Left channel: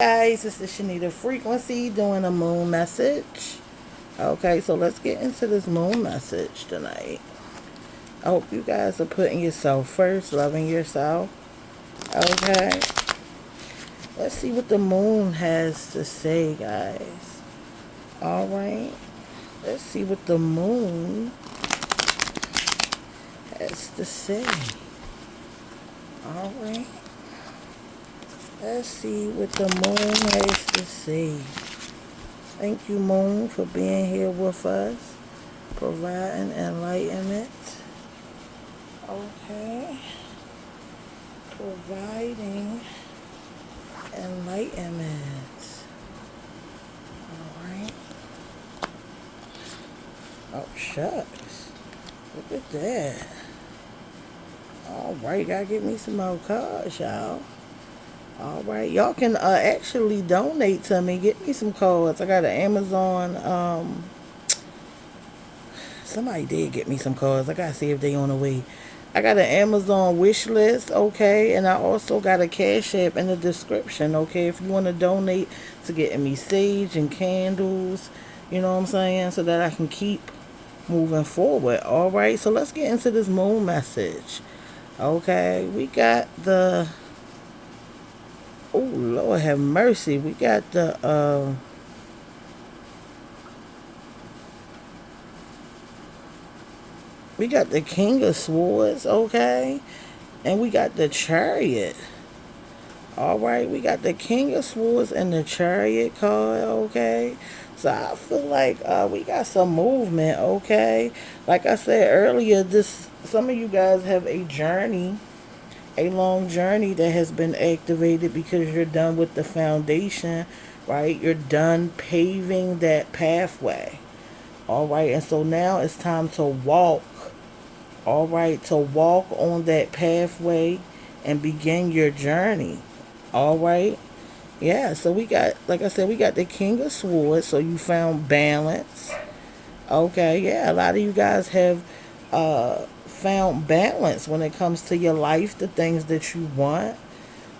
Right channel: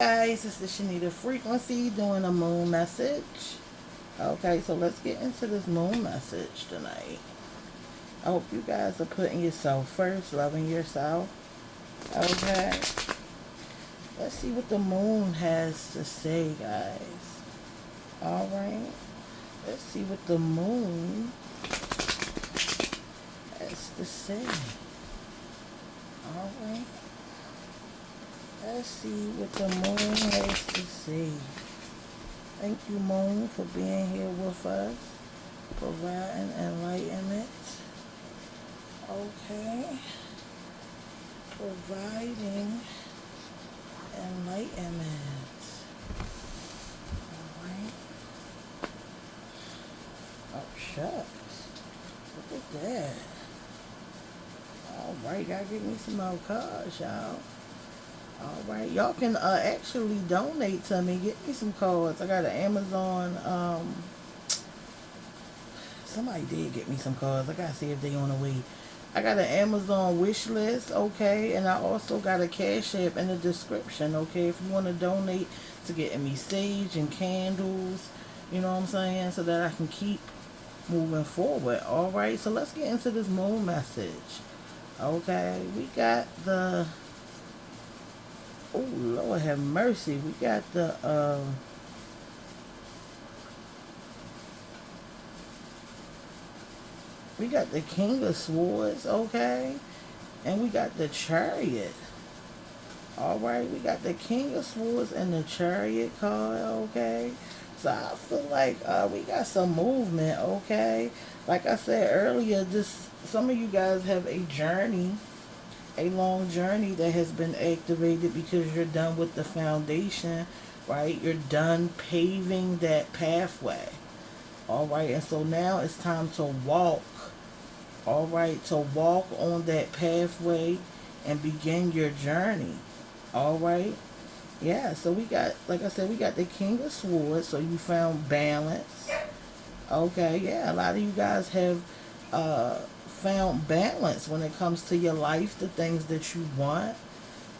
Guys, this is Shanita Frequency doing a moon message. Okay, so let's get into this moon message tonight. I hope you guys are putting yourself first, loving yourself. Okay, let's see what the moon has to say, guys. All right, let's see what the moon has to say. All right, let's see what the moon has to say. Thank you, Moon, for being here with us, providing enlightenment. Okay. Providing enlightenment. Alright. Oh, shucks. Look at that. Alright, gotta get me some more cards, y'all. Alright, y'all can actually donate to me. Get me some cards. I got an Amazon. Somebody did get me some cards. I gotta see if they on the way. I got an Amazon wish list, okay, and I also got a Cash App in the description, okay. If you want to donate to getting me sage and candles, you know what I'm saying, so that I can keep moving forward. All right, so let's get into this moon message. Okay, we got the. Oh Lord, have mercy. We got the. We got the King of Swords, okay? And we got the Chariot. All right, we got the King of Swords and the Chariot card, okay? So I feel like we got some movement, okay? Like I said earlier, this some of you guys have a journey, a long journey that has been activated because you're done with the foundation, right? You're done paving that pathway. All right, and so now it's time to walk, all right, to walk on that pathway and begin your journey. All right. Yeah, so we got, like I said, we got the King of Swords, so you found balance. Okay, yeah, a lot of you guys have found balance when it comes to your life, the things that you want.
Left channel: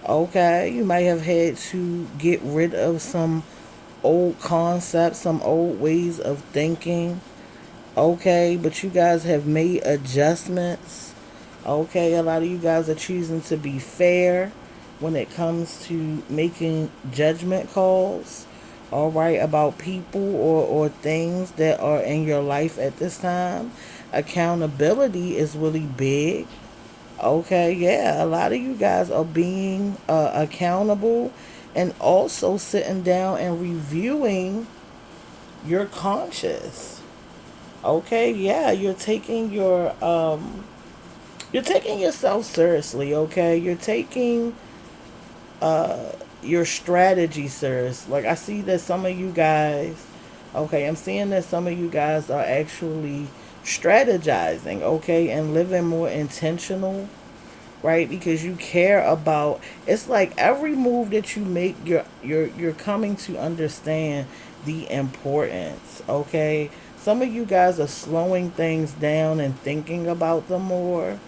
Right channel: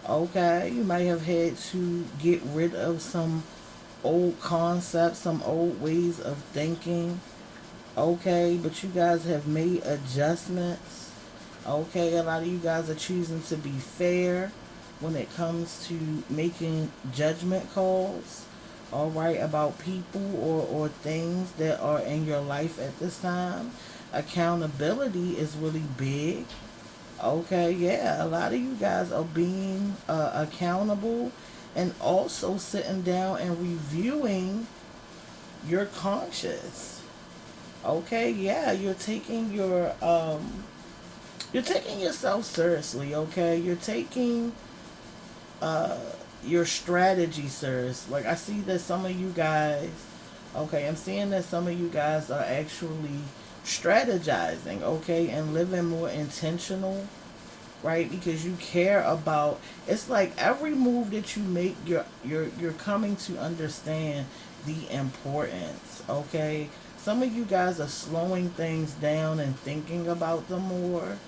Okay, you might have had to get rid of some old concepts, some old ways of thinking. Okay, but you guys have made adjustments. Okay, a lot of you guys are choosing to be fair when it comes to making judgment calls. All right, about people or things that are in your life at this time. Accountability is really big. Okay, yeah, a lot of you guys are being accountable and also sitting down and reviewing your conscious. Okay, yeah, you're taking yourself seriously, okay? You're taking uh your strategy serious. Like I see that some of you guys, okay, I'm seeing that some of you guys are actually strategizing, okay, and living more intentional, right? Because you care about, it's like every move that you make, you're coming to understand the importance, okay? Some of you guys are slowing things down and thinking about them more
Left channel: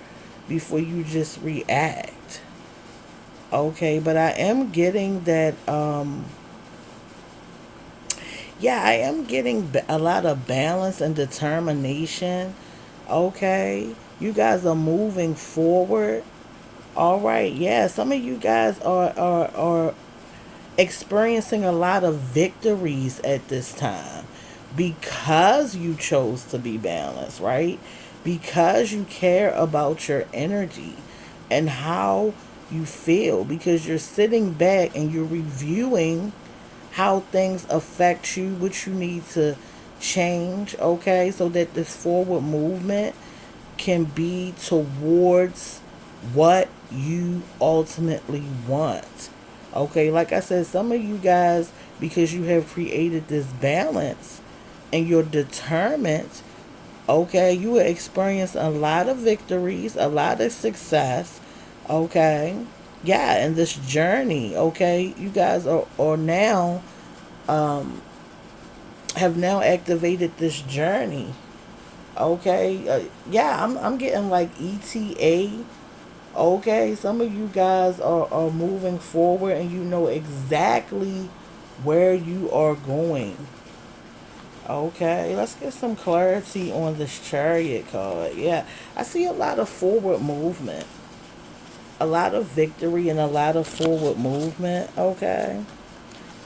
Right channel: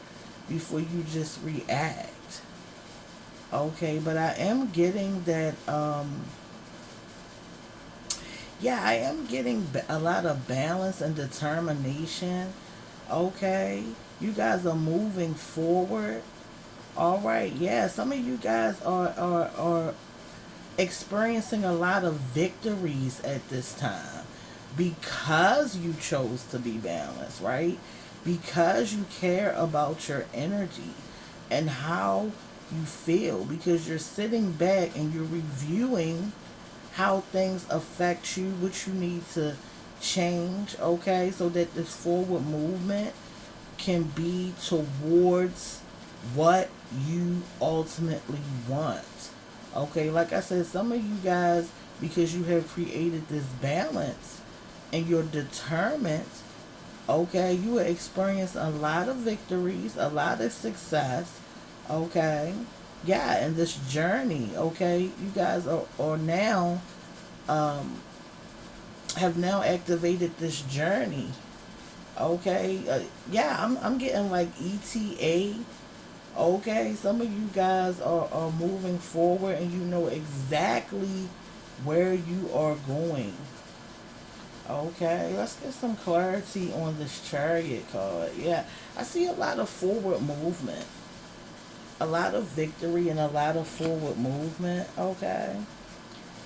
before you just react. Okay, but I am getting that yeah, I am getting a lot of balance and determination. Okay, you guys are moving forward. All right, yeah, some of you guys are experiencing a lot of victories at this time because you chose to be balanced, right? Because you care about your energy and how you feel, because you're sitting back and you're reviewing how things affect you, what you need to change, okay, so that this forward movement can be towards what you ultimately want. Okay, like I said, some of you guys, because you have created this balance and you're determined, okay, you will experience a lot of victories, a lot of success, okay. Yeah, and this journey, okay, you guys are now, um, have now activated this journey. Okay, yeah, I'm getting like ETA. Okay, some of you guys are moving forward and you know exactly where you are going. Okay, let's get some clarity on this chariot card. Yeah, I see a lot of forward movement, a lot of victory, and a lot of forward movement. Okay,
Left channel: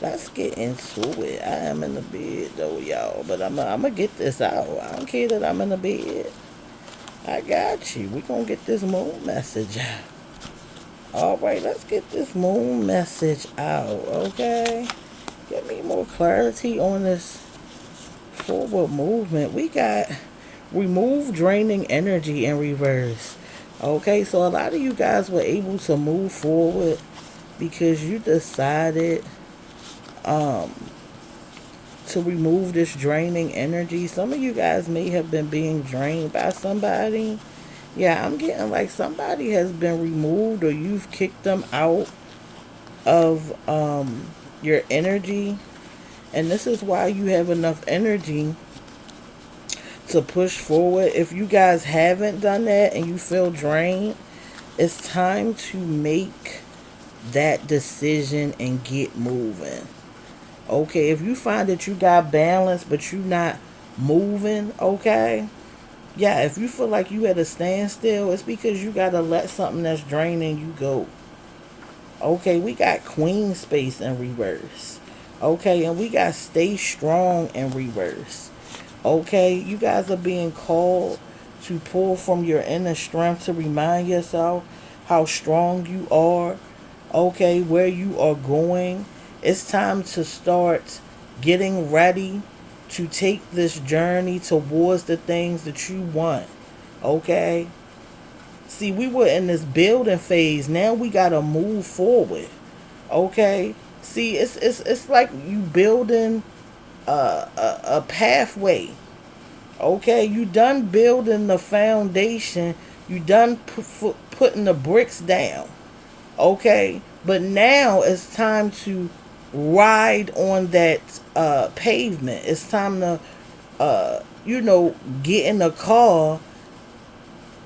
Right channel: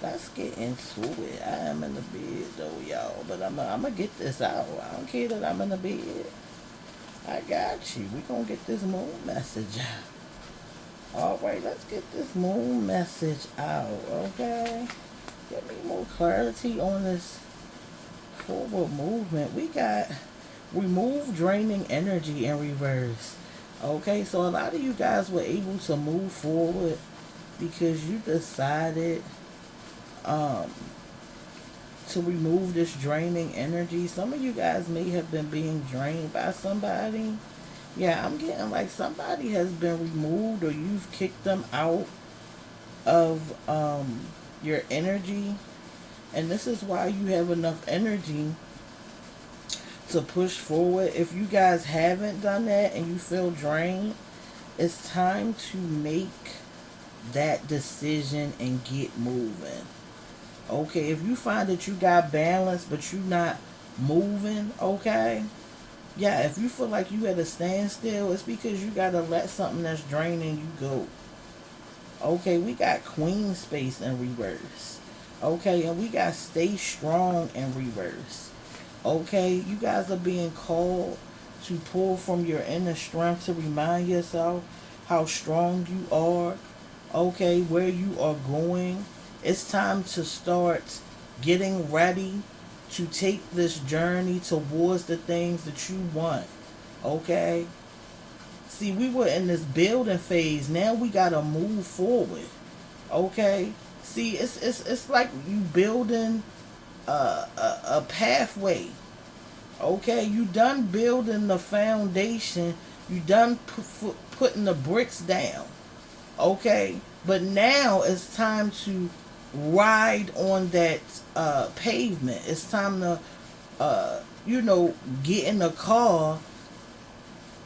let's get into it. I am in the bed though, y'all, but I'm gonna get this out. I don't care that I'm in the bed. I got you. We gonna get this moon message out. All right, let's get this moon message out. Okay, get me more clarity on this forward movement. We got remove draining energy in reverse. Okay, so a lot of you guys were able to move forward because you decided um to remove this draining energy. Some of you guys may have been being drained by somebody. Yeah, I'm getting like somebody has been removed or you've kicked them out of your energy. And this is why you have enough energy to push forward. If you guys haven't done that and you feel drained, it's time to make that decision and get moving. Okay, if you find that you got balance but you're not moving, okay, yeah, if you feel like you at a standstill, it's because you got to let something that's draining you go. Okay, we got queen space in reverse. Okay, and we got stay strong in reverse. Okay, you guys are being called to pull from your inner strength to remind yourself how strong you are. Okay, where you are going. It's time to start getting ready to take this journey towards the things that you want. Okay, see, we were in this building phase. Now we gotta move forward. Okay. See, it's like you building a pathway. Okay, you done building the foundation. You done putting the bricks down. Okay, but now it's time to ride on that pavement. It's time to, get in a car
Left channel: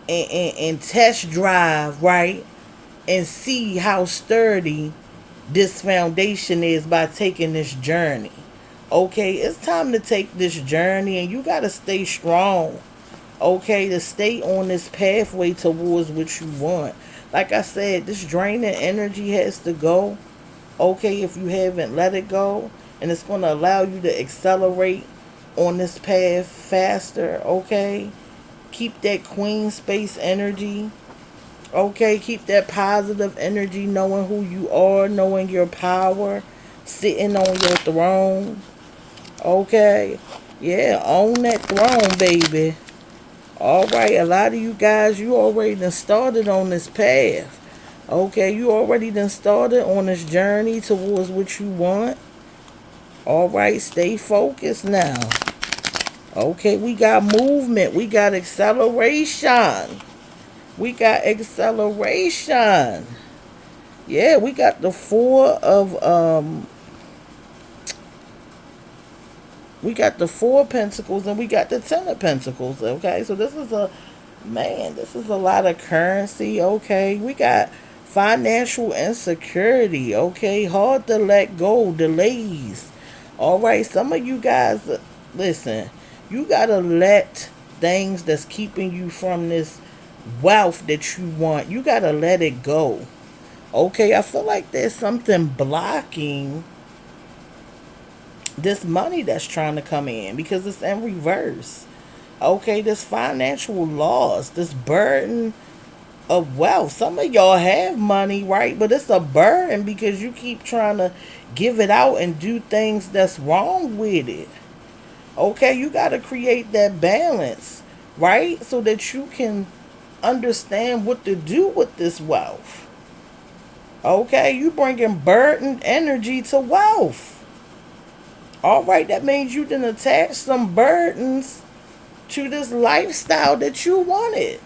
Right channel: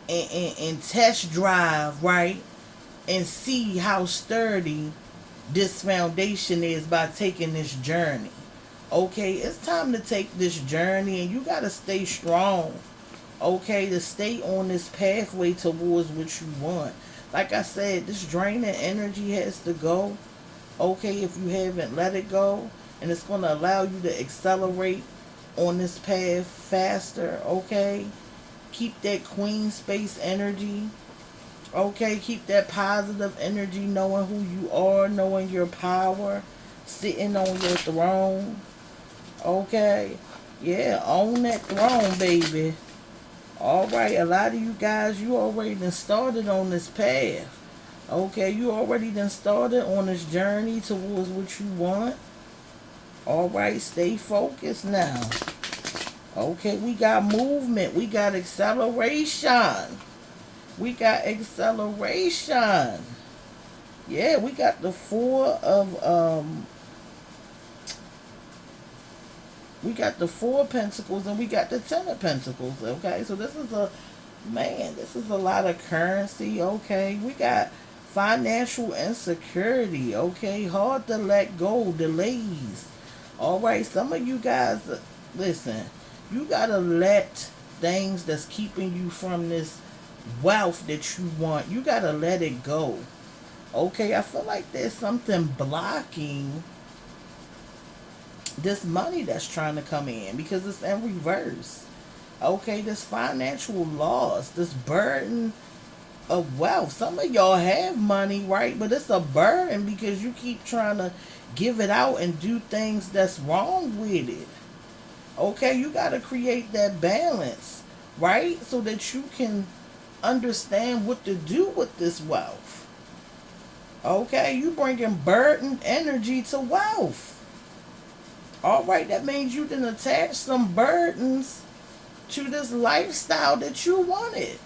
and test drive, right? And see how sturdy this foundation is by taking this journey. Okay, it's time to take this journey and you got to stay strong. Okay, to stay on this pathway towards what you want. Like I said, this draining energy has to go. Okay, if you haven't let it go, and it's going to allow you to accelerate on this path faster. Okay, keep that queen space energy. Okay, keep that positive energy, knowing who you are, knowing your power, sitting on your throne. Okay, yeah, own that throne, baby. All right, a lot of you guys, you already done started on this path. Okay, you already done started on this journey towards what you want. All right, stay focused now. Okay, we got movement. We got acceleration. We got acceleration. Yeah, we got the we got the four of pentacles and we got the 10 of pentacles. Okay, so this is a lot of currency. Okay, we got financial insecurity. Okay, hard to let go, delays. All right, some of you guys, listen, you gotta let things that's keeping you from this wealth that you want, you gotta let it go. Okay, I feel like there's something blocking this money that's trying to come in because it's in reverse. Okay, this financial loss, this burden of wealth. Some of y'all have money, right? But it's a burden because you keep trying to give it out and do things that's wrong with it. Okay, you got to create that balance, right? So that you can understand what to do with this wealth. Okay, you bringing burden energy to wealth. All right, that means you didn't attach some burdens to this lifestyle that you wanted.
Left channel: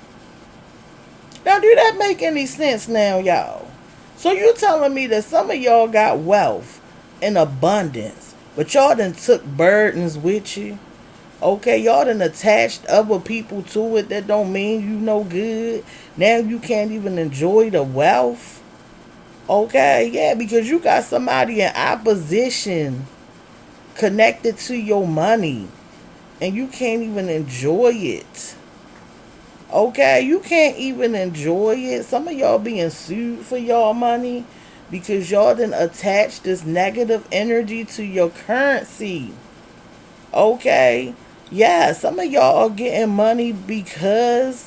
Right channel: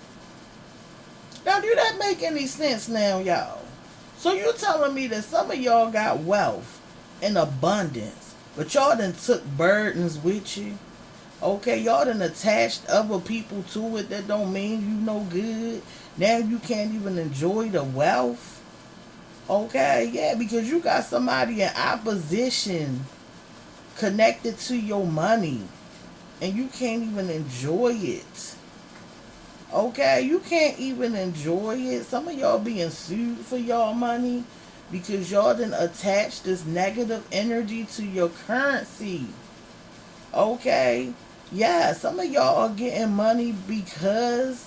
Now, do that make any sense now, y'all? So you're telling me that some of y'all got wealth in abundance, but y'all done took burdens with you? Okay, y'all done attached other people to it that don't mean you no good. Now you can't even enjoy the wealth. Okay, yeah, because you got somebody in opposition connected to your money and you can't even enjoy it. Okay, you can't even enjoy it. Some of y'all being sued for y'all money because y'all done attach this negative energy to your currency. Okay, yeah, some of y'all are getting money because,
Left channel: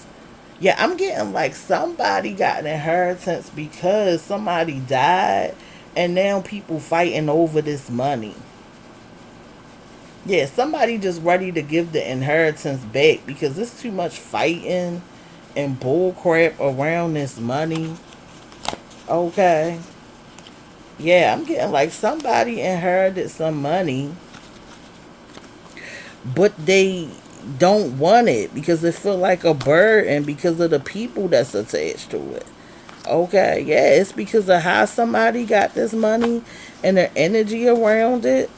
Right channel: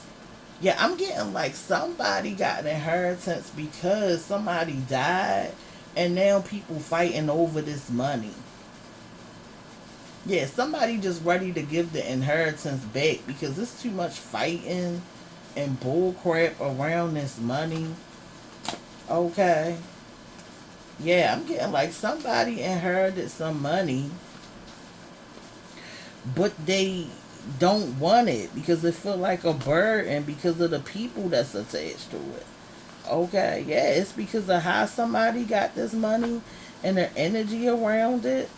yeah, I'm getting like somebody got an inheritance because somebody died and now people fighting over this money. Yeah, somebody just ready to give the inheritance back because there's too much fighting and bullcrap around this money. Okay. Yeah, I'm getting like somebody inherited some money, but they don't want it because it feel like a burden because of the people that's attached to it. Okay, yeah, it's because of how somebody got this money and the energy around it.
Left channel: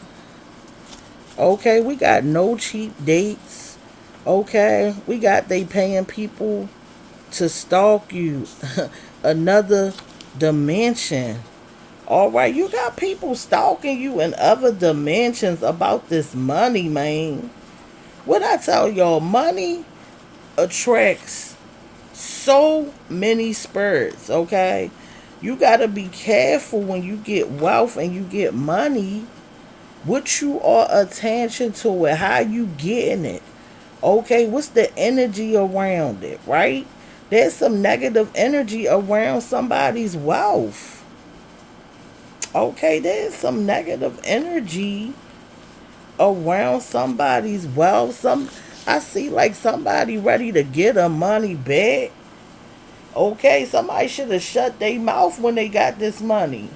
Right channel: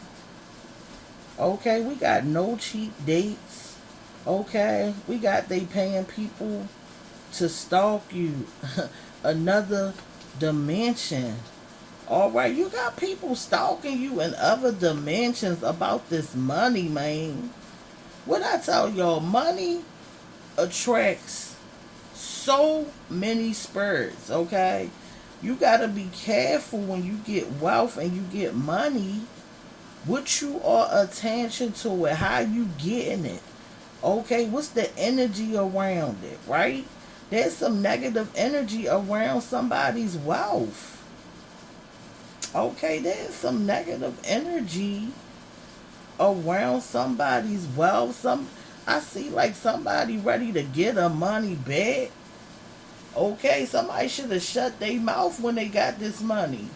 Okay, we got no cheap dates. Okay, we got they paying people to stalk you. Another dimension. All right, you got people stalking you in other dimensions about this money, man. What I tell y'all, money attracts so many spirits, okay? You got to be careful when you get wealth and you get money, what you are attention to it, how you getting it. Okay, what's the energy around it, right? There's some negative energy around somebody's wealth. Okay, there's some negative energy around somebody's wealth. I see like somebody ready to get her money back. Okay, somebody should have shut their mouth when they got this money.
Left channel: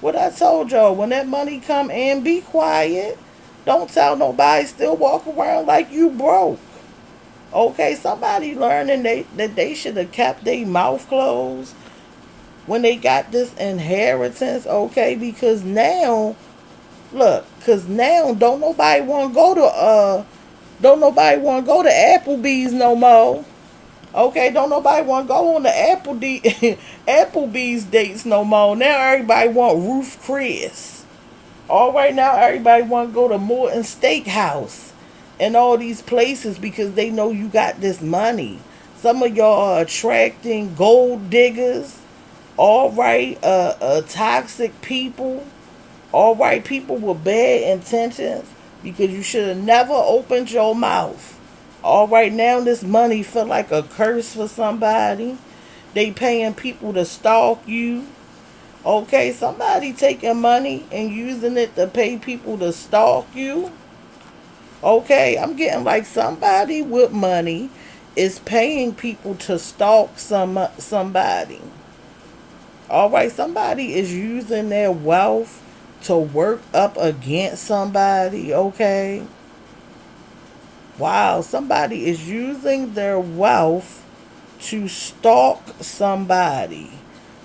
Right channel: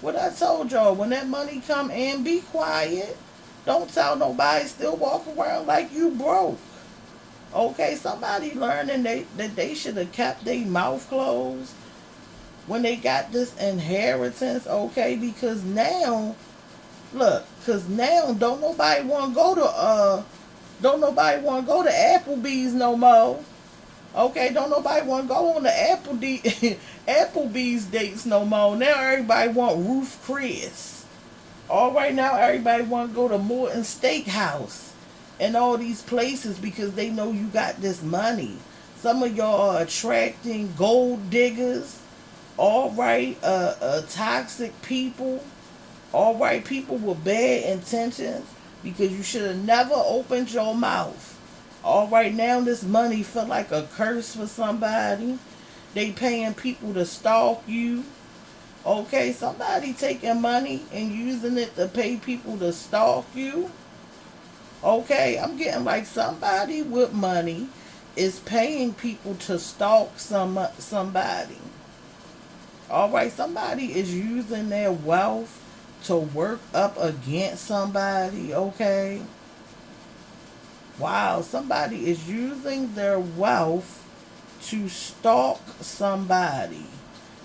What I told y'all, when that money come in, be quiet. Don't tell nobody. Still walk around like you broke. Okay, somebody learning that they should have kept their mouth closed when they got this inheritance. Okay, because now, look, because now don't nobody want to go to Applebee's no more. Okay, don't nobody want to go on the Applebee's dates no more. Now everybody want Ruth Chris. All right, now everybody want to go to Morton Steakhouse and all these places because they know you got this money. Some of y'all are attracting gold diggers. All right, toxic people. All right, people with bad intentions because you should have never opened your mouth. All right, now this money feel like a curse for somebody. They paying people to stalk you. Okay, somebody taking money and using it to pay people to stalk you. Okay, I'm getting like somebody with money is paying people to stalk somebody. All right, somebody is using their wealth to work up against somebody. Okay. Wow, somebody is using their wealth to stalk somebody.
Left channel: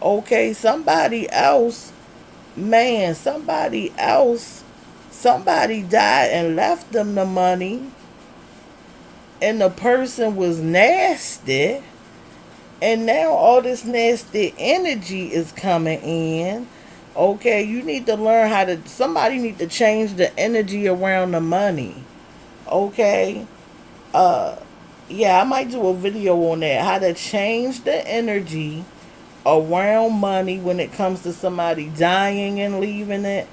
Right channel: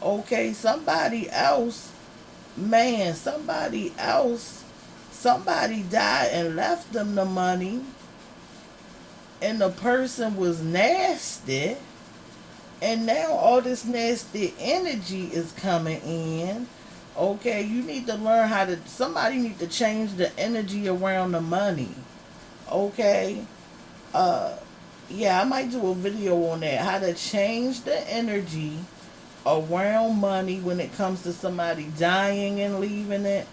Okay, somebody else, man, somebody died and left them the money, and the person was nasty, and now all this nasty energy is coming in. Okay, you need to learn somebody need to change the energy around the money. Okay, uh yeah, I might do a video on that, how to change the energy around money when it comes to somebody dying and leaving it.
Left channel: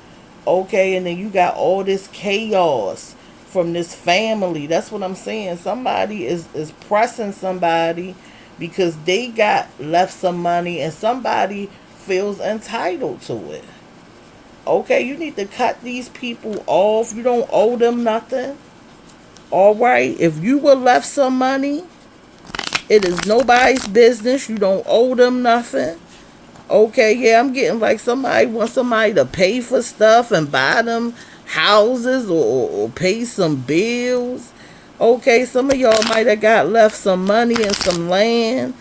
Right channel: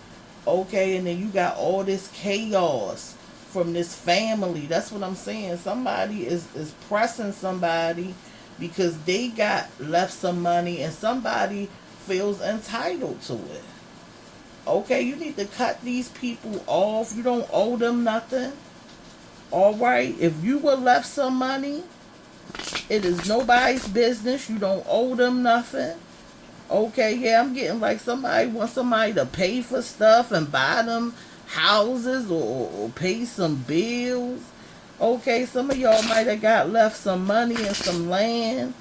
Okay, and then you got all this chaos from this family. That's what I'm saying. Somebody is pressing somebody because they got left some money and somebody feels entitled to it. Okay, you need to cut these people off. You don't owe them nothing. All right, if you were left some money, it is nobody's business. You don't owe them nothing. Okay, yeah, I'm getting like somebody wants somebody to pay for stuff and buy them houses or pay some bills. Okay, some of y'all might have got left some money and some land.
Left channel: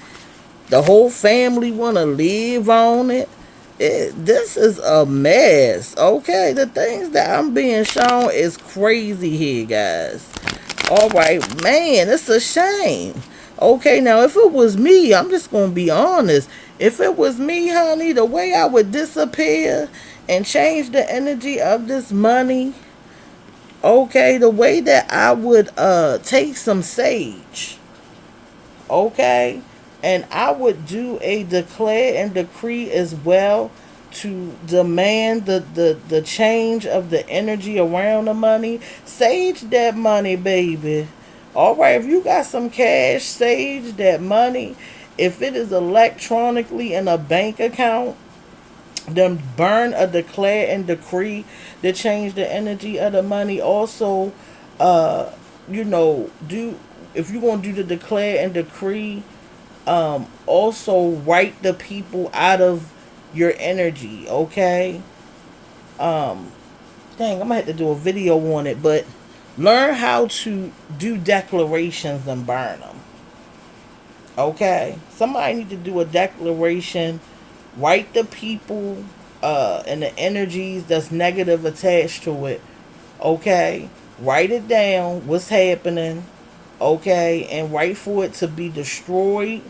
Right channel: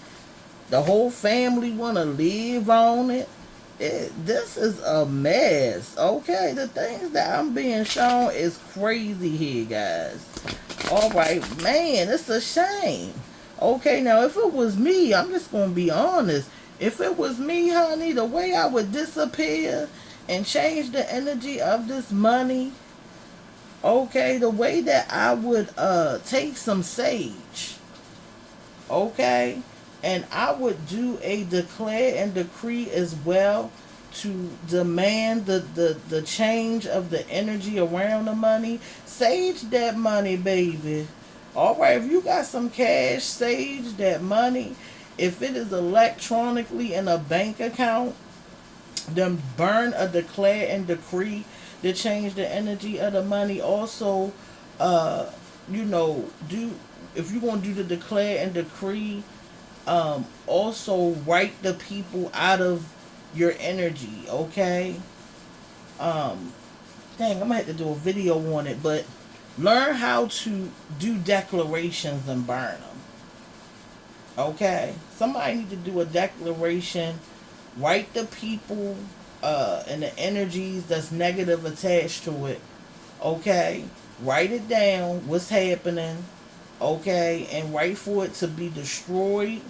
The whole family want to live on it. This is a mess. Okay, the things that I'm being shown is crazy here, guys. All right, man, it's a shame. Okay, now if it was me, I'm just gonna be honest. If it was me, honey, the way I would disappear and change the energy of this money, okay, the way that I would take some sage, okay, and I would do a declare and decree as well to demand the change of the energy around the money. Sage that money, baby. All right, if you got some cash, sage that money. If it is electronically in a bank account, then burn a declare and decree to change the energy of the money. Also, uh, do if you're gonna do the declare and decree, also write the people out of your energy. Okay. Um, Dang, I'm gonna have to do a video on it, but learn how to do declarations and burn them. Okay, somebody need to do a declaration. Write the people and the energies that's negative attached to it. Okay, write it down. What's happening? Okay, and write for it to be destroyed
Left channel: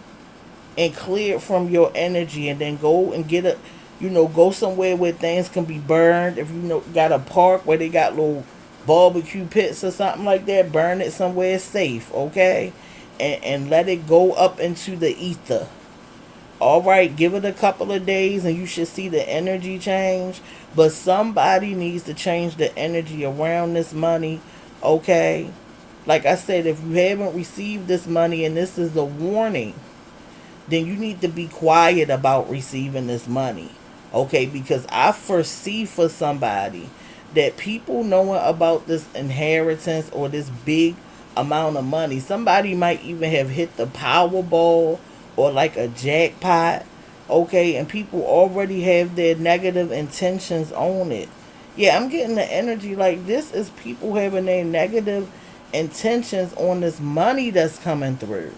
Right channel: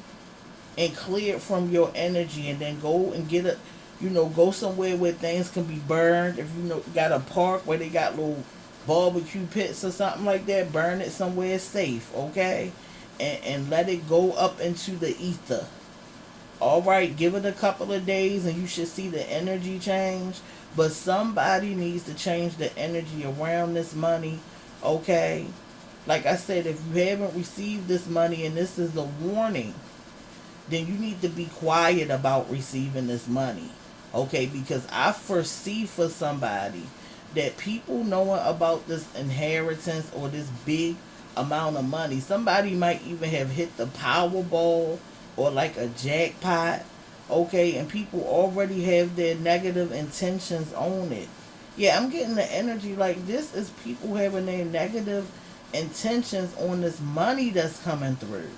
and cleared from your energy, and then go and get a, go somewhere where things can be burned. If got a park where they got little barbecue pits or something like that, burn it somewhere safe. Okay, and let it go up into the ether. All right, give it a couple of days and you should see the energy change. But somebody needs to change the energy around this money. Okay, like I said, if you haven't received this money and this is a warning, then you need to be quiet about receiving this money. Okay, because I foresee for somebody that people knowing about this inheritance or this big amount of money, somebody might even have hit the Powerball or like a jackpot. Okay, and people already have their negative intentions on it. Yeah, I'm getting the energy like this is people having their negative intentions on this money that's coming through.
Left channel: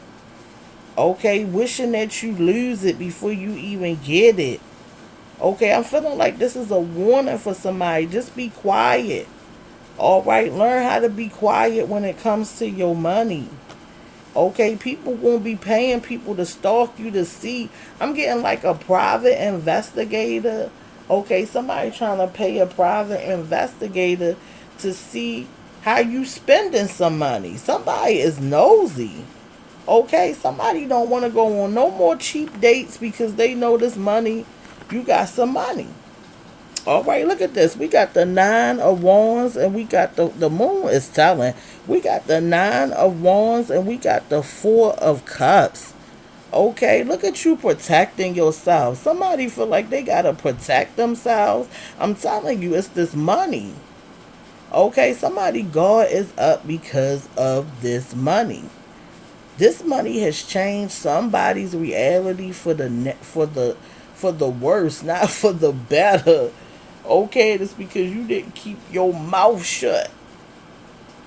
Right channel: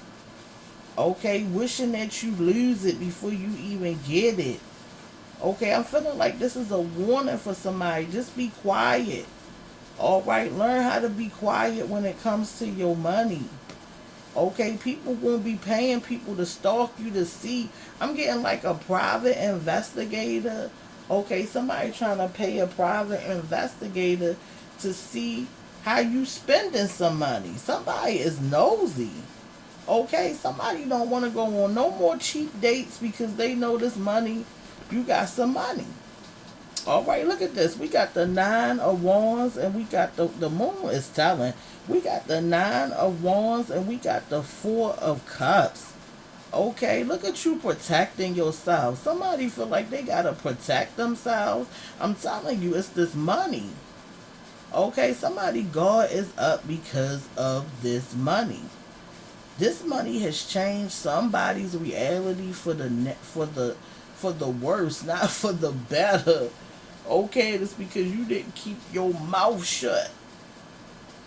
Okay, wishing that you lose it before you even get it. Okay, I'm feeling like this is a warning for somebody. Just be quiet. All right, learn how to be quiet when it comes to your money. Okay, people won't be paying people to stalk you to see. I'm getting like a private investigator. Okay, somebody trying to pay a private investigator to see how you spending some money. Somebody is nosy. Okay, somebody don't want to go on no more cheap dates because they know this money, you got some money. All right, look at this. We got the nine of wands and we got the moon is telling. We got the nine of wands and we got the four of cups. Okay, look at you protecting yourself. Somebody feel like they got to protect themselves. I'm telling you, it's this money. Okay, somebody guard is up because of this money. This money has changed somebody's reality for the worse, not for the better. Okay, it's because you didn't keep your mouth shut.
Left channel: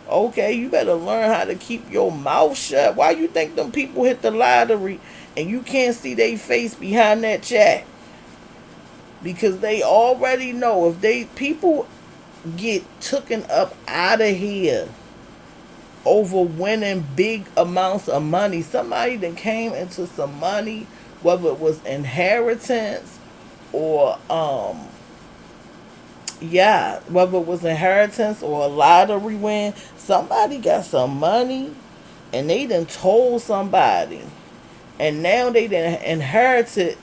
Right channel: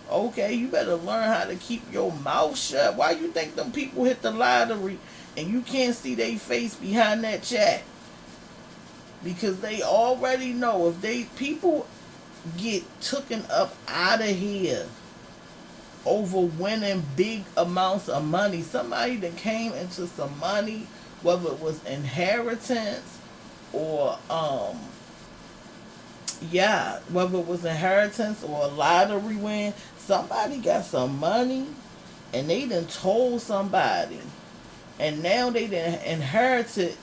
Okay, you better learn how to keep your mouth shut. Why you think them people hit the lottery and you can't see their face behind that chat? Because they already know if they people get taken up out of here over winning big amounts of money. Somebody that came into some money, whether it was inheritance or whether it was inheritance or a lottery win, somebody got some money and they done told somebody. And now they done inherited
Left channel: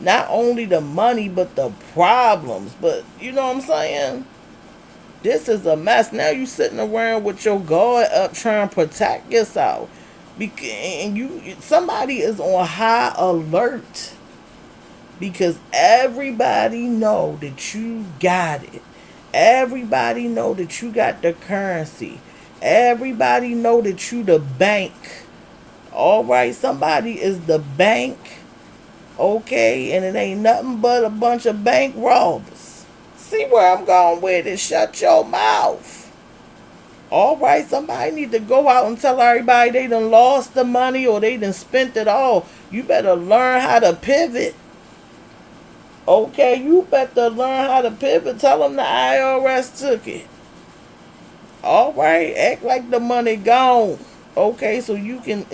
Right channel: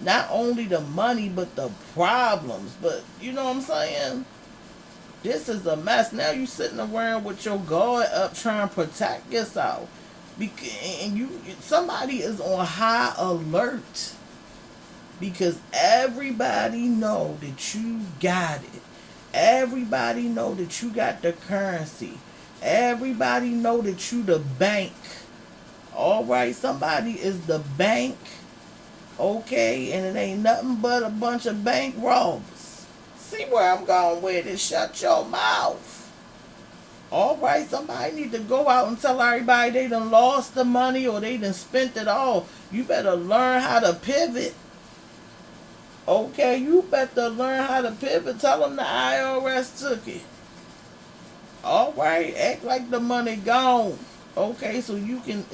not only the money but the problems. But you know what I'm saying? This is a mess. Now you sitting around with your guard up trying to protect yourself. And somebody is on high alert because everybody know that you got it. Everybody know that you got the currency. Everybody know that you the bank. All right, somebody is the bank. Okay, and it ain't nothing but a bunch of bank robbers. See where I'm going with it? Shut your mouth. All right, somebody need to go out and tell everybody they done lost the money or they done spent it all. You better learn how to pivot. Okay, you better learn how to pivot. Tell them the IRS took it. All right, act like the money gone. Okay, so you can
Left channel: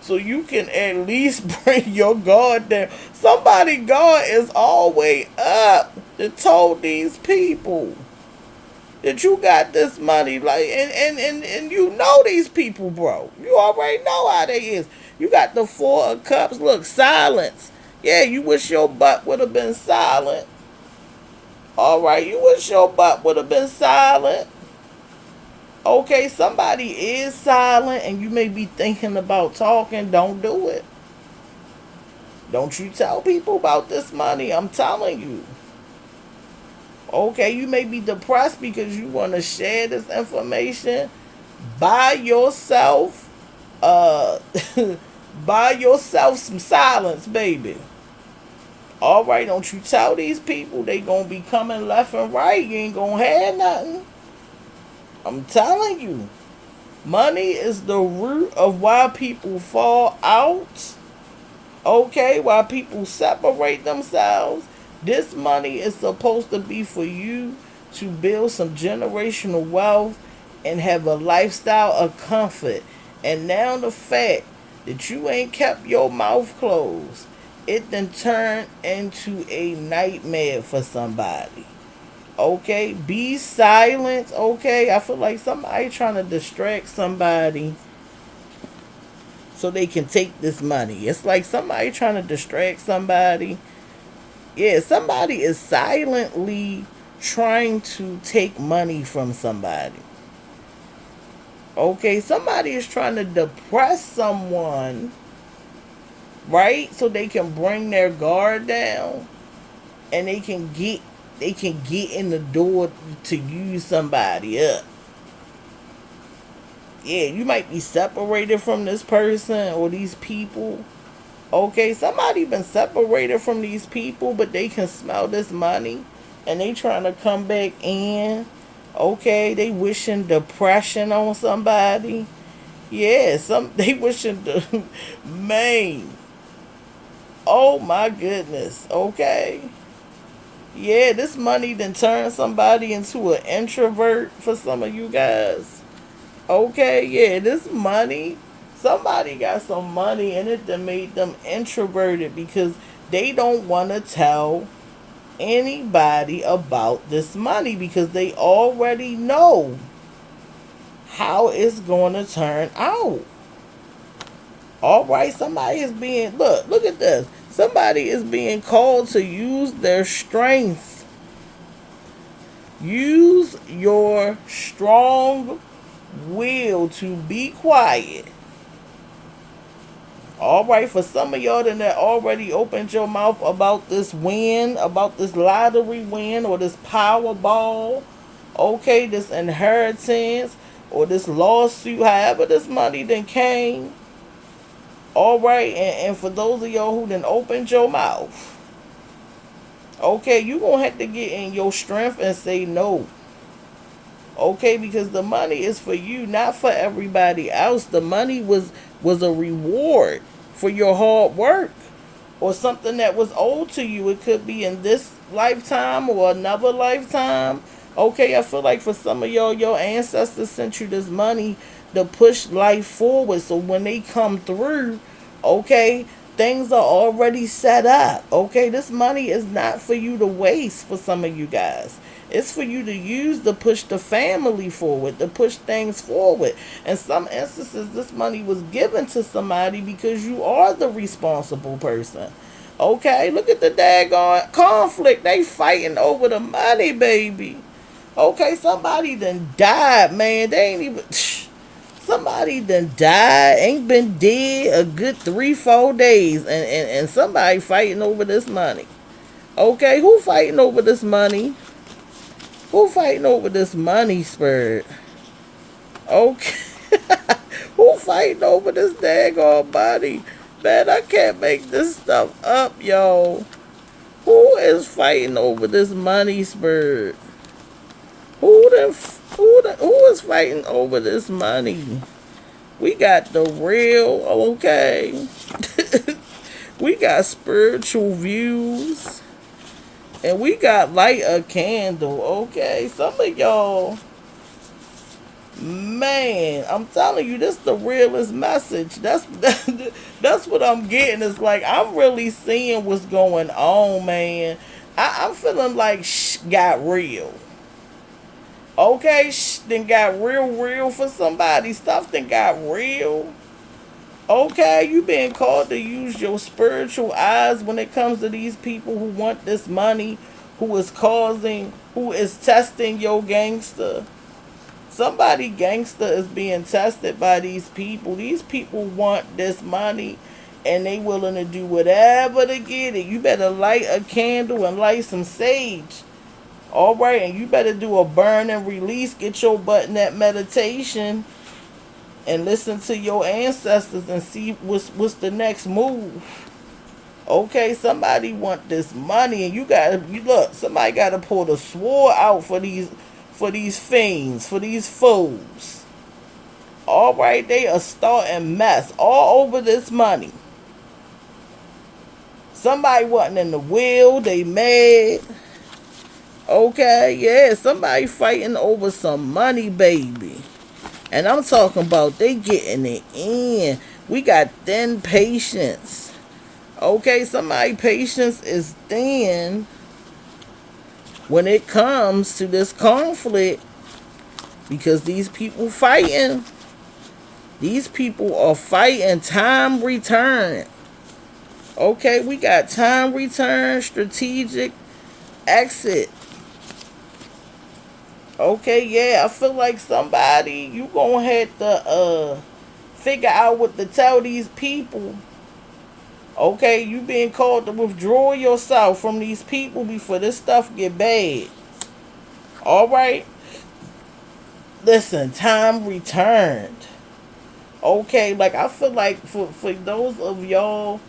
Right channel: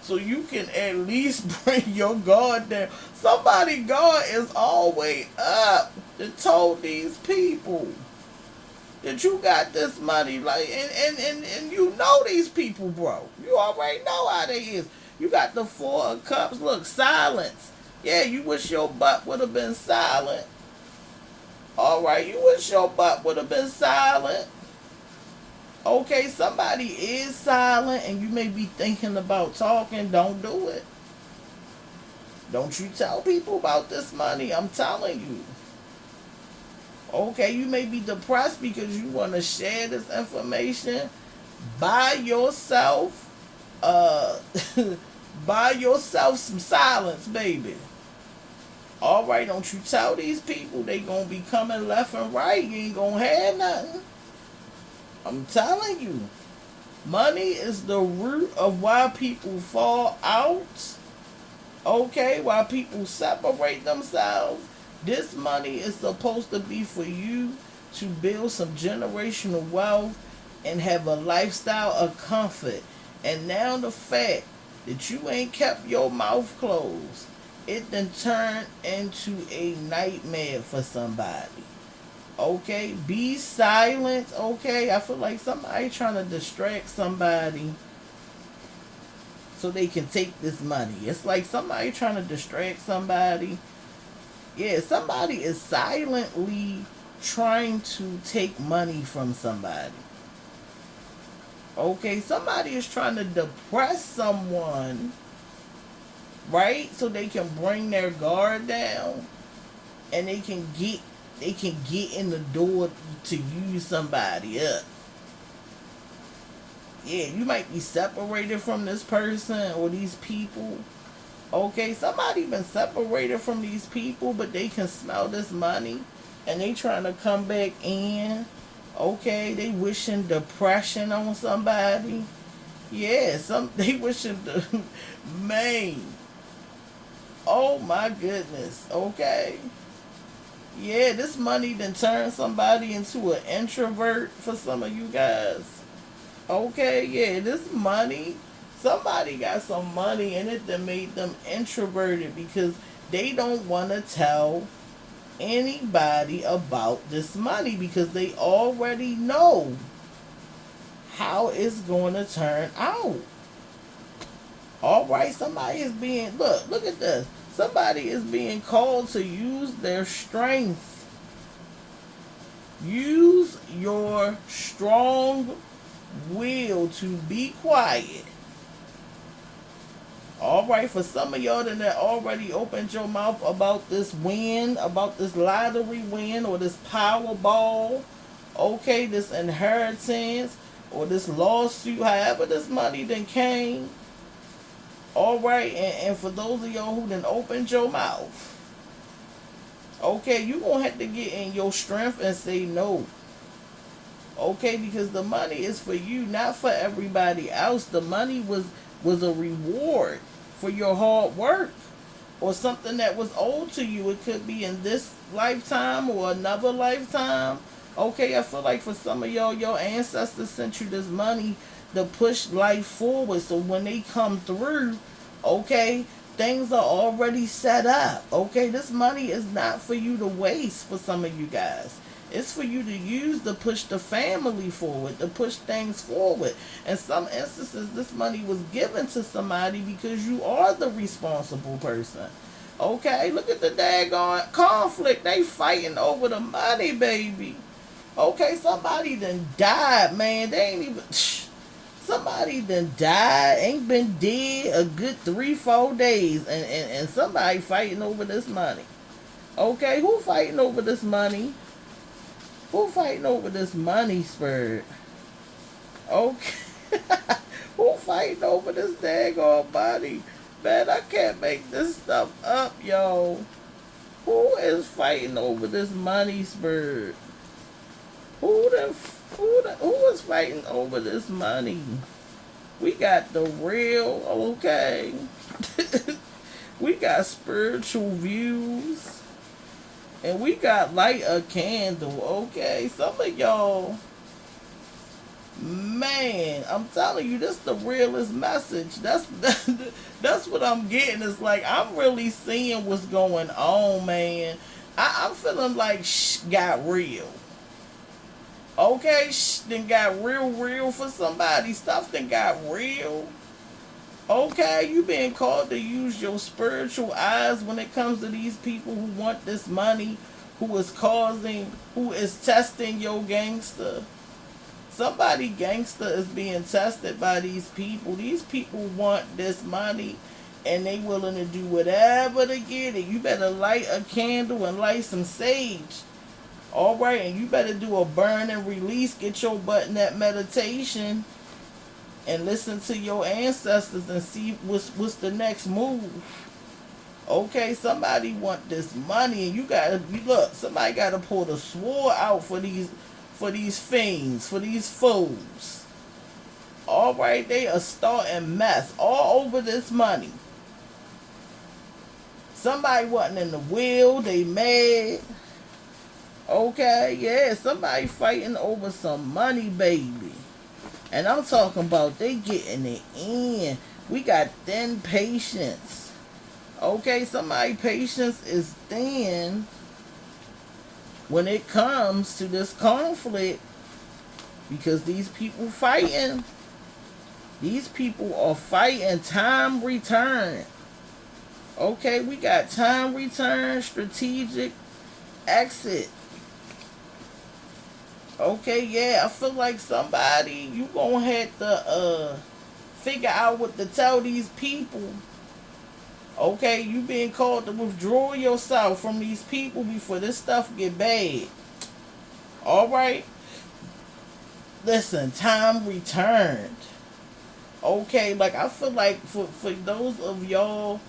so you can at least bring your guard down. Somebody guard is always up to told these people that you got this money, like, and you know these people, bro. You already know how they is. You got the four of cups. Look, silence. Yeah, you wish your butt would have been silent. All right, you wish your butt would have been silent. Okay, somebody is silent and you may be thinking about talking. Don't do it. Don't you tell people about this money. I'm telling you. Okay, you may be depressed because you want to share this information by yourself. Uh, buy yourself some silence, baby. All right, don't you tell these people they gonna be coming left and right. You ain't gonna have nothing. I'm telling you. Money is the root of why people fall out. Okay, why people separate themselves. This money is supposed to be for you to build some generational wealth and have a lifestyle of comfort. And now the fact that you ain't kept your mouth closed, it then turned into a nightmare for somebody. Okay, be silent. Okay, I feel like somebody trying to distract somebody so they can take this money. It's like somebody trying to distract somebody. Yeah, somebody is silently trying to take money from somebody. Okay, somebody is trying to depress someone, right? So they can bring their guard down and they can get in the door to use somebody up. Yeah, you might be separated from this person or these people. Okay, somebody been separated from these people, but they can smell this money and they trying to come back in. Okay, they wishing depression on somebody. Yeah, they wishing the man. Oh my goodness. Okay. Yeah, this money then turn somebody into an introvert for some of you guys. Okay, yeah, this money, somebody got some money in it that made them introverted because they don't want to tell anybody about this money because they already know how it's going to turn out. All right, somebody is being, look at this. Somebody is being called to use their strength. Use your strong will to be quiet. All right, for some of y'all that already opened your mouth about this win, about this lottery win or this Powerball, okay, this inheritance or this lawsuit, however this money then came. All right, and for those of y'all who then opened your mouth, okay, you gonna have to get in your strength and say no. Okay, because the money is for you, not for everybody else. The money was a reward for your hard work or something that was owed to you. It could be in this lifetime or another lifetime. Okay, I feel like for some of y'all, your ancestors sent you this money to push life forward. So when they come through, okay, things are already set up. Okay, this money is not for you to waste for some of you guys. It's for you to use to push the family forward, to push things forward. In some instances, this money was given to somebody because you are the responsible person. Okay, look at the daggone conflict. They fighting over the money, baby. Okay, somebody done died, man. They ain't even... Somebody done died, ain't been dead a good 3-4 days, and somebody fighting over this money. Okay, who fighting over this money? Who fighting over this money, Spirit? Okay. Who fighting over this daggone money? Man, I can't make this stuff up, yo. Who is fighting over this money, Spirit? Who is fighting over this money? We got the real, okay. We got spiritual views. And we got light a candle, okay? Some of y'all, Man, I'm telling you, this is the realest message. That's what I'm getting. It's like I'm really seeing what's going on, man. I'm feeling like got real. Okay, then got real for somebody. Stuff then got real. Okay, you being called to use your spiritual eyes when it comes to these people who want this money, who is testing your gangster. Somebody gangster is being tested by these people. These people want this money and they willing to do whatever to get it. You better light a candle and light some sage. All right, and you better do a burn and release. Get your butt in that meditation and listen to your ancestors and see what's the next move. Okay, somebody want this money, and you look. Somebody gotta pull the sword out for these fiends, for these fools. All right, they are starting mess all over this money. Somebody wasn't in the will, they mad. Okay, yeah, somebody fighting over some money, baby. And I'm talking about they getting it in. We got thin patience. Okay, somebody patience is thin when it comes to this conflict because these people fighting. These people are fighting time return. Okay, we got time return, strategic exit. Okay, yeah, I feel like somebody you gonna have to figure out what to tell these people. Okay, you being called to withdraw yourself from these people before this stuff get bad. All right, listen, time returned. Okay, like I feel like for those of y'all,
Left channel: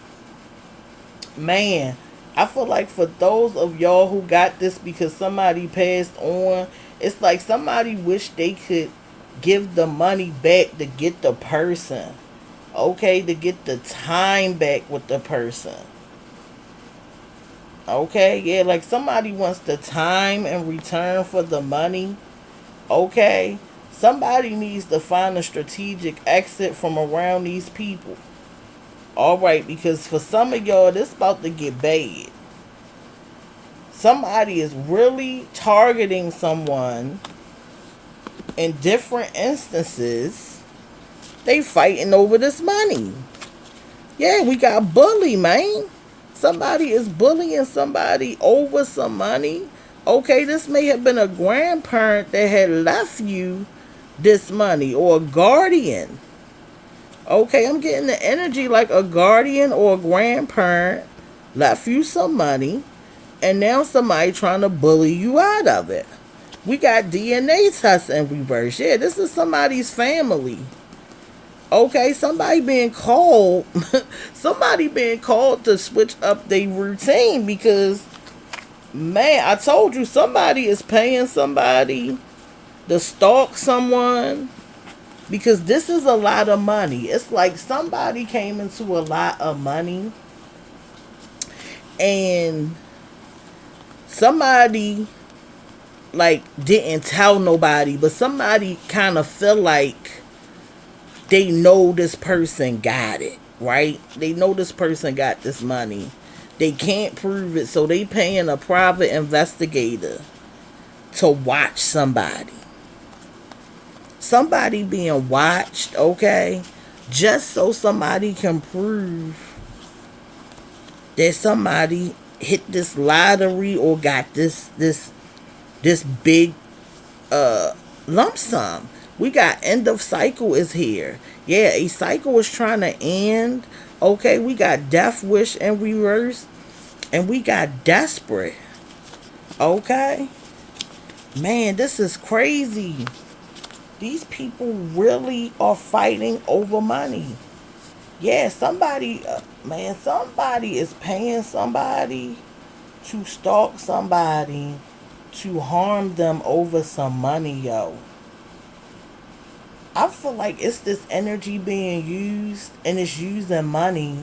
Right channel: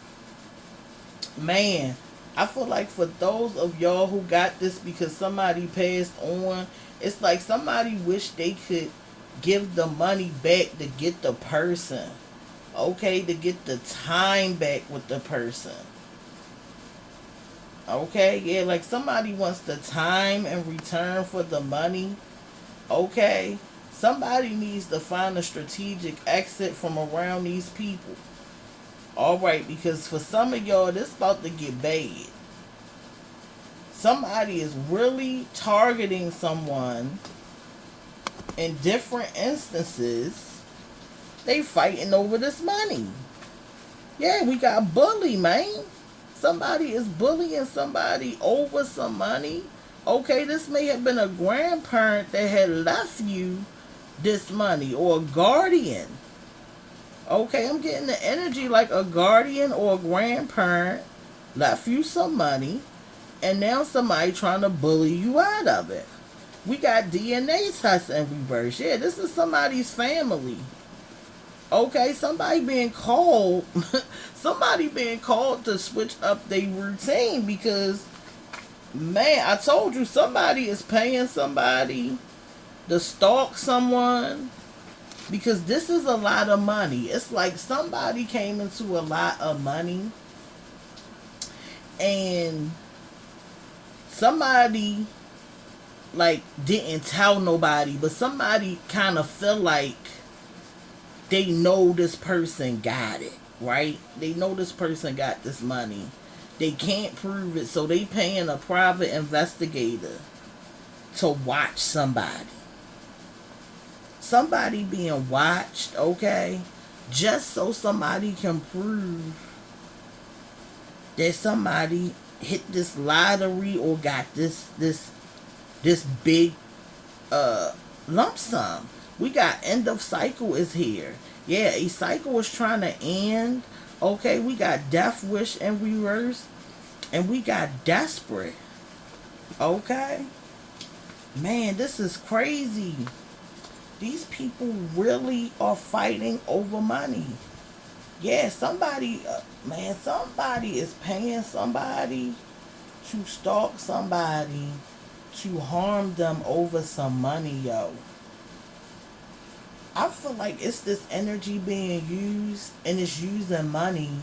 man, I feel like for those of y'all who got this because somebody passed on, it's like somebody wish they could give the money back to get the person. Okay, to get the time back with the person. Okay, yeah, like somebody wants the time in return for the money. Okay, somebody needs to find a strategic exit from around these people. All right, because for some of y'all, this about to get bad. Somebody is really targeting someone in different instances. They fighting over this money. Yeah, we got bully, man. Somebody is bullying somebody over some money. Okay, this may have been a grandparent that had left you this money or a guardian. Okay, I'm getting the energy like a guardian or a grandparent left you some money and now somebody trying to bully you out of it. We got DNA tests in reverse. Yeah, this is somebody's family. Okay, somebody being called somebody being called to switch up their routine because man, I told you somebody is paying somebody to stalk someone because this is a lot of money. It's like somebody came into a lot of money and somebody like didn't tell nobody, but somebody kind of feel like they know this person got it, right? They know this person got this money. They can't prove it, so they paying a private investigator to watch somebody. Somebody being watched, okay? Just so somebody can prove that somebody hit this lottery or got this big lump sum. We got end of cycle is here. Yeah, a cycle is trying to end. Okay, we got death wish in reverse. And we got desperate. Okay? Man, this is crazy. These people really are fighting over money. Yeah, somebody is paying somebody to stalk somebody to harm them over some money, yo. I feel like it's this energy being used and it's using money.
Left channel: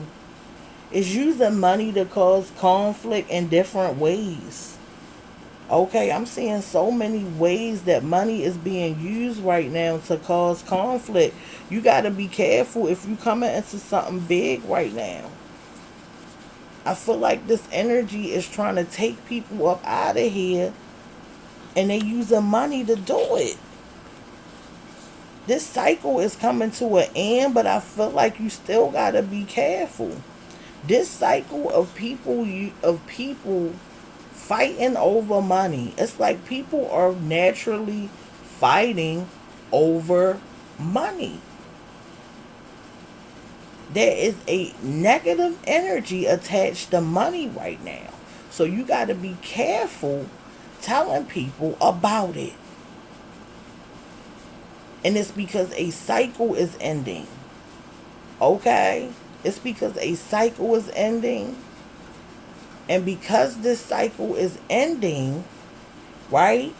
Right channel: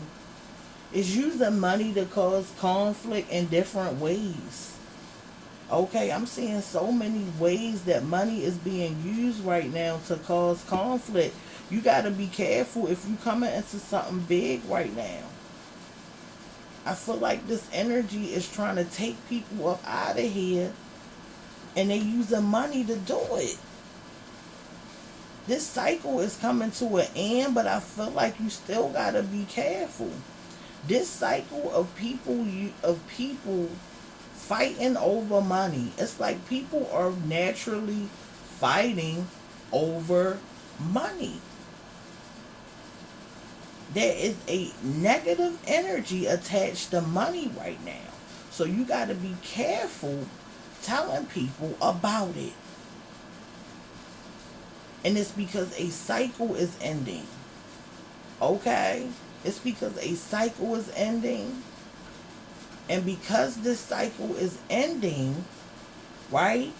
It's using money to cause conflict in different ways. Okay, I'm seeing so many ways that money is being used right now to cause conflict. You got to be careful if you coming into something big right now. I feel like this energy is trying to take people up out of here, and they using money to do it. This cycle is coming to an end, but I feel like you still got to be careful. This cycle of people fighting over money. It's like people are naturally fighting over money. There is a negative energy attached to money right now. So you got to be careful telling people about it. And it's because a cycle is ending. Okay? It's because a cycle is ending. And because this cycle is ending, right?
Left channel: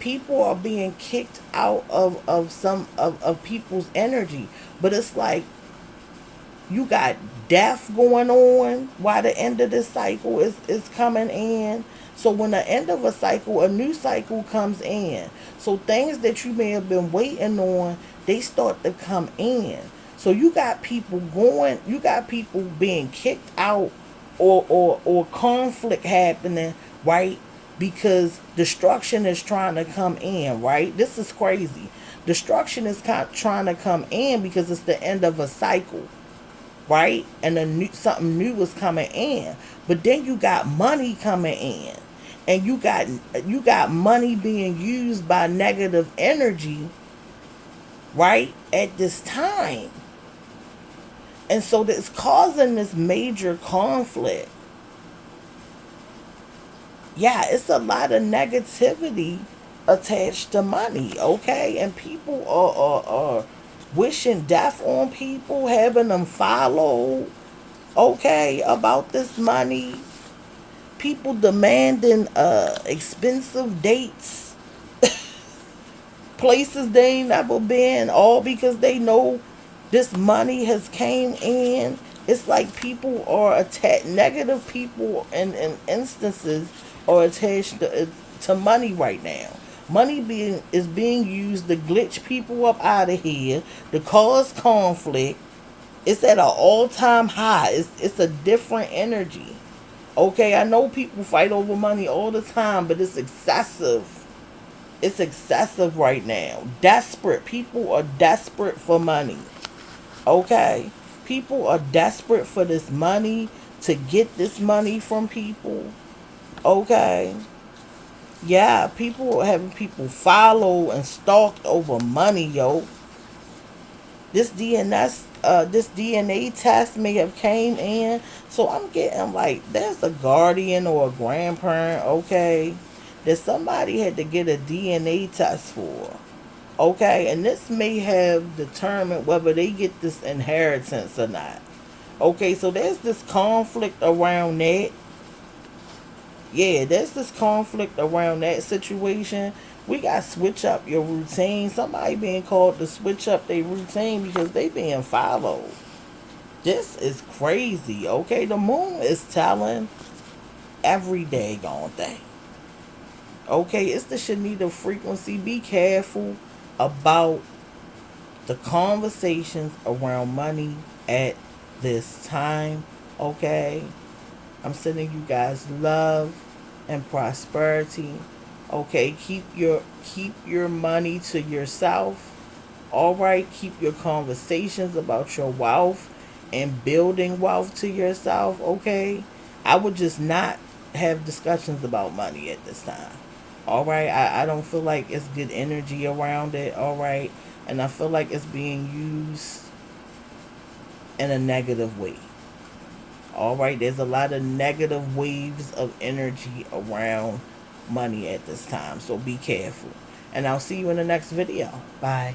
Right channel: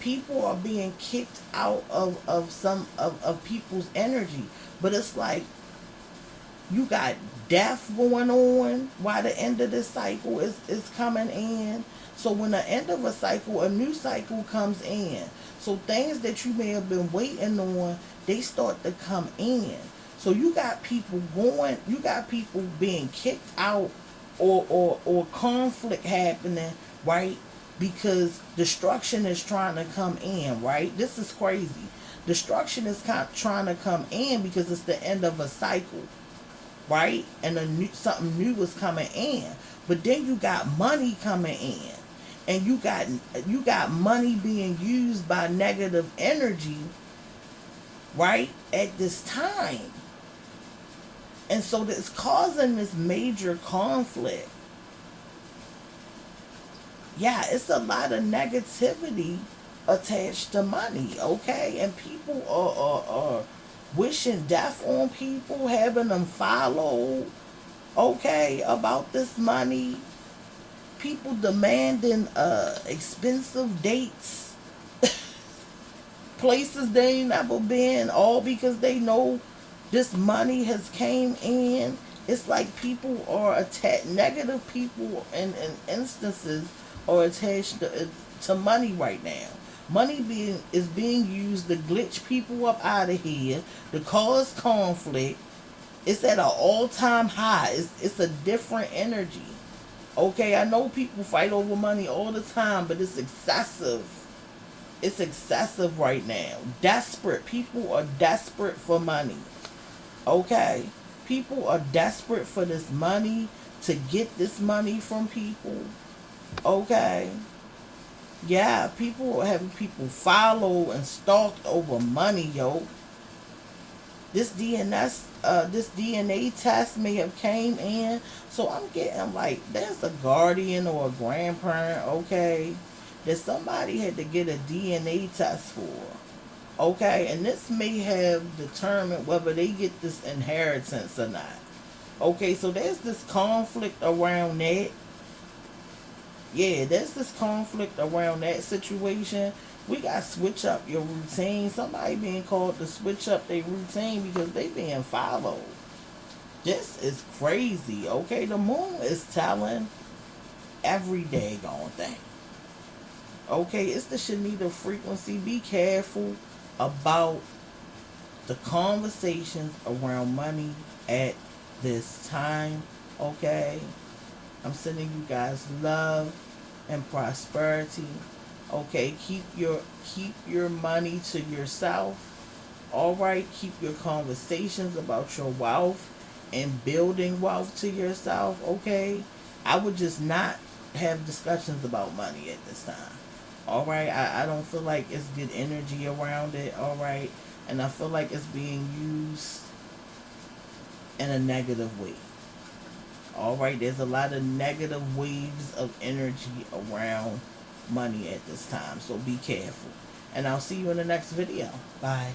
People are being kicked out of people's energy. But it's like you got death going on while the end of this cycle is coming in. So when the end of a cycle, a new cycle comes in. So things that you may have been waiting on, they start to come in. So you got people being kicked out, or conflict happening, right? Because destruction is trying to come in, right? This is crazy. Destruction is trying to come in because it's the end of a cycle, right? And something new is coming in. But then you got money coming in, and you got money being used by negative energy, right? At this time, and so that's causing this major conflict. Yeah, it's a lot of negativity attached to money, okay? And people are wishing death on people, having them follow, okay, about this money. People demanding expensive dates, places they ain't never been, all because they know this money has came in. It's like people are attached, negative people in instances are attached to money right now. Money is being used to glitch people up out of here, to cause conflict. It's at an all-time high. It's a different energy. Okay, I know people fight over money all the time, but it's excessive. It's excessive right now. Desperate. People are desperate for money. Okay? People are desperate for this money, to get this money from people. Okay? Yeah, people are having people follow and stalked over money, yo. This DNA test may have came in, so I'm getting like there's a guardian or a grandparent, okay, that somebody had to get a DNA test for, okay, and this may have determined whether they get this inheritance or not. Okay, so there's this conflict around that. Yeah, there's this conflict around that situation. We got to switch up your routine. Somebody being called to switch up their routine because they being followed. This is crazy, okay? The moon is telling every daggone thing. Okay, it's the Shanita frequency. Be careful about the conversations around money at this time, okay? I'm sending you guys love and prosperity. Okay, keep your money to yourself. All right, keep your conversations about your wealth and building wealth to yourself. Okay, I would just not have discussions about money at this time. All right, I don't feel like it's good energy around it. All right, and I feel like it's being used in a negative way. All right, there's a lot of negative waves of energy around money at this time, so be careful. And I'll see you in the next video. Bye.